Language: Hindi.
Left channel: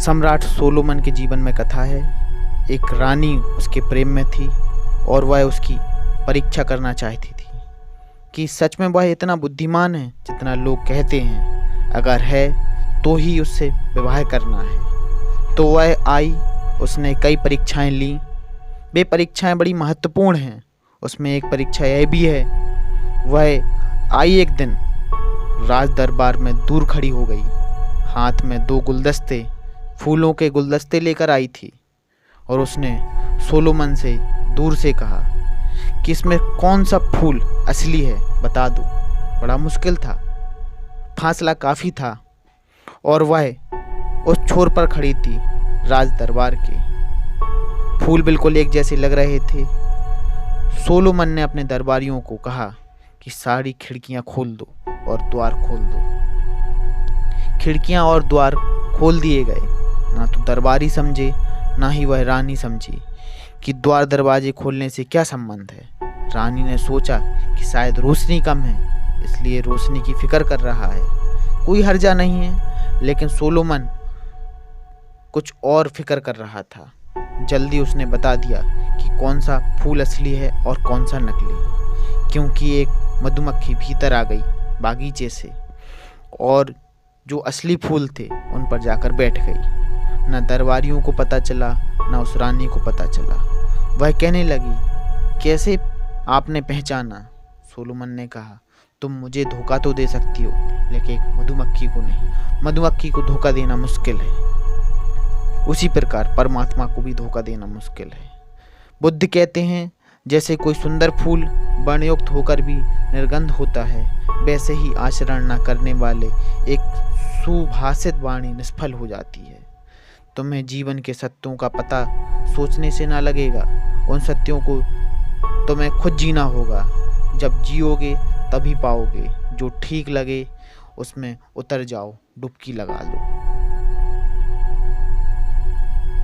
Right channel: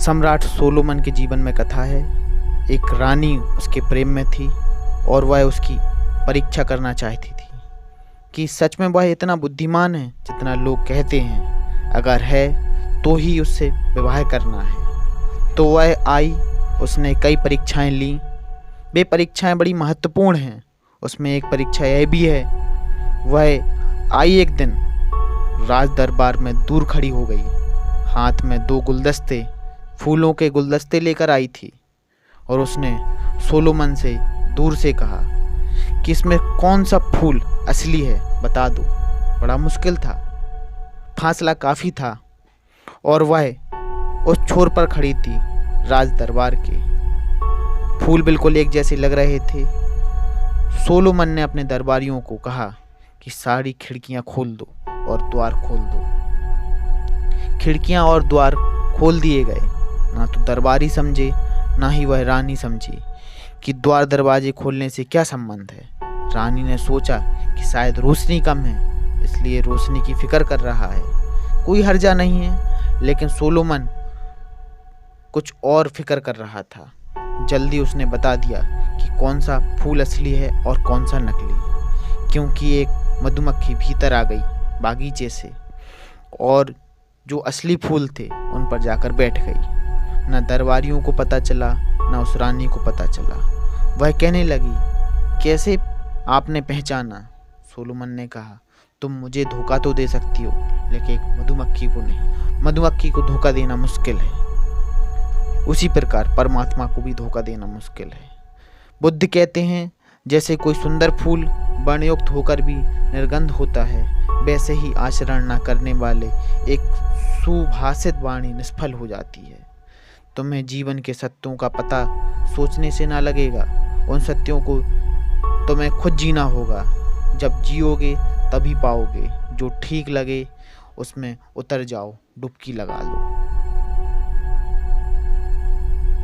सम्राट सोलोमन के जीवन में कथा है। एक रानी उसके प्रेम में थी और वह उसकी परीक्षा करना चाहती थी कि सच में वह इतना बुद्धिमान है जितना लोग कहते हैं। अगर है तो ही उससे विवाह करना है। तो वह आई, उसने कई परीक्षाएं लीं। वे परीक्षाएं बड़ी महत्वपूर्ण हैं। उसमें एक परीक्षा यह भी है, वह आई एक दिन राज दरबार में दूर खड़ी हो गई। हाथ में 2 गुलदस्ते, फूलों के गुलदस्ते लेकर आई थी और उसने सोलोमन से दूर से कहा कि इसमें कौन सा फूल असली है, बता दो। बड़ा मुश्किल था, फासला काफ़ी था और वह उस छोर पर खड़ी थी राज दरबार के। फूल बिल्कुल एक जैसे लग रहे थे। सोलोमन ने अपने दरबारियों को कहा कि सारी खिड़कियां खोल दो और द्वार खोल दो। खिड़कियां और द्वार खोल दिए गए। ना तो दरबारी समझे, ना ही वह रानी समझी कि द्वार दरवाजे खोलने से क्या संबंध है। रानी ने सोचा कि शायद रोशनी कम है, इसलिए रोशनी की फिक्र कर रहा है, कोई हर्जा नहीं है। लेकिन सोलोमन कुछ और फिक्र कर रहा था। जल्दी उसने बता दिया कि कौन सा फूल असली है और कौन सा नकली है, क्योंकि एक मधुमक्खी भीतर आ गई बागीचे से और जो असली फूल थे उन पर जाकर बैठ गई। न दरबारियों को पता चला, न उस रानी को पता चला। वह कहने लगी, कैसे आपने पहचाना? सोलोमन ने कहा, तुम मुझे धोखा तो दे सकती हो, लेकिन एक मधुमक्खी को नहीं। मधुमक्खी को धोखा देना मुश्किल है, उसी प्रकार परमात्मा को भी धोखा देना मुश्किल है। बुद्ध कहते हैं, जैसे कोई सुंदर फूल वर्णयुक्त होकर भी निर्गंध होता है, वैसे ही आचरण न करने वाले एक सुभाषित वाणी निष्फल हो जाती है। तुम्हें जीवन के सत्यों का पता सोचने से ना लगेगा, उन सत्यों को तुम्हें खुद जीना होगा। जब जियोगे तभी पाओगे। जो ठीक लगे उसमें उतर जाओ, डुबकी लगा लो।